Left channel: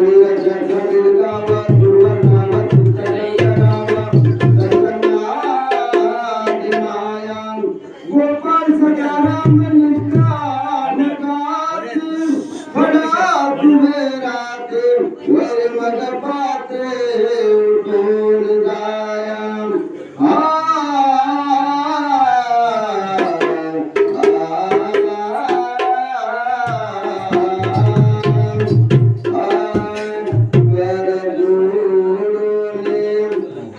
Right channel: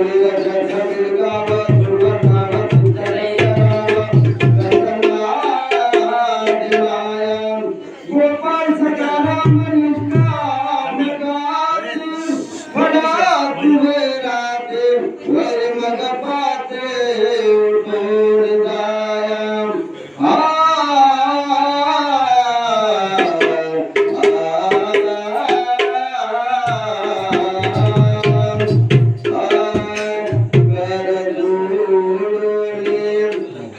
आया गो सतारा मनष्कान